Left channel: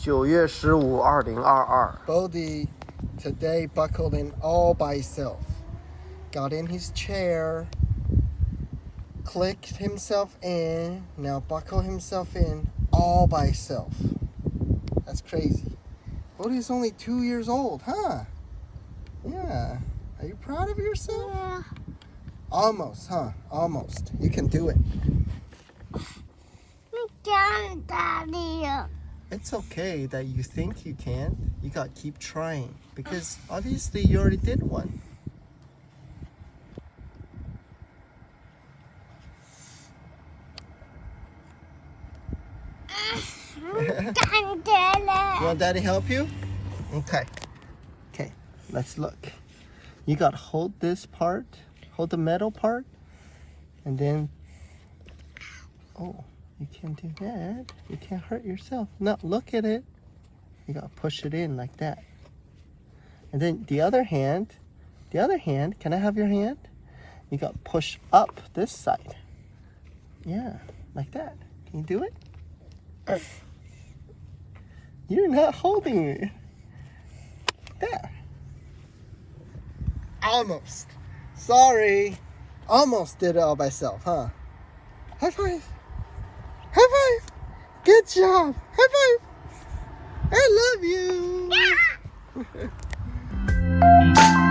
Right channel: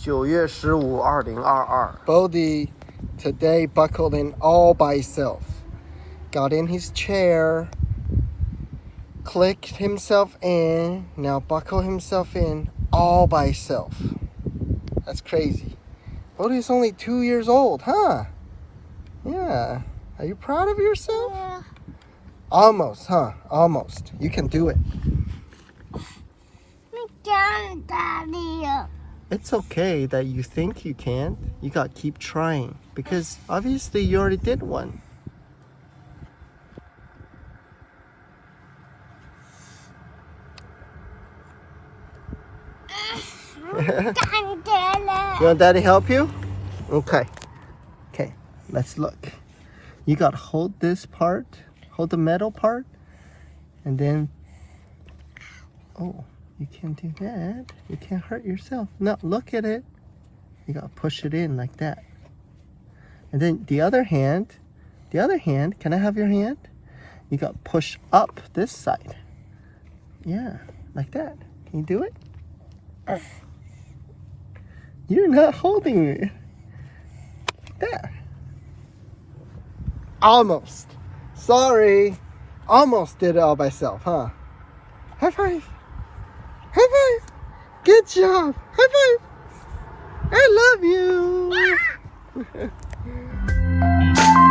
9月15 2022 Bodhi today buckled in all by himself. Got in his chair, clicked himself in, now buckle himself in all by himself. That's crazy. Bodhi's only 2 years old, huh? Yeah. Are you proud of yourself? Yeah. Almost, huh? Almost. You can do it. Daddy. It's okay that you think you can't. You gotta keep trying because obviously you already did one. You want Daddy help you? Okay. Okay, let's look. You gotta hold this part, hold the metal part, and then, oh, you can't do that. You can't hurt yourself. No, look at it. You gotta push it in like that. And then the other hand, can I have your hand? You gotta push up this side. Yeah, like that. Can you do it? You're not holding it. There. Almost. Sorry. Almost did it all by myself, huh? High five. High five. Good job. High five. I love you. Yeah.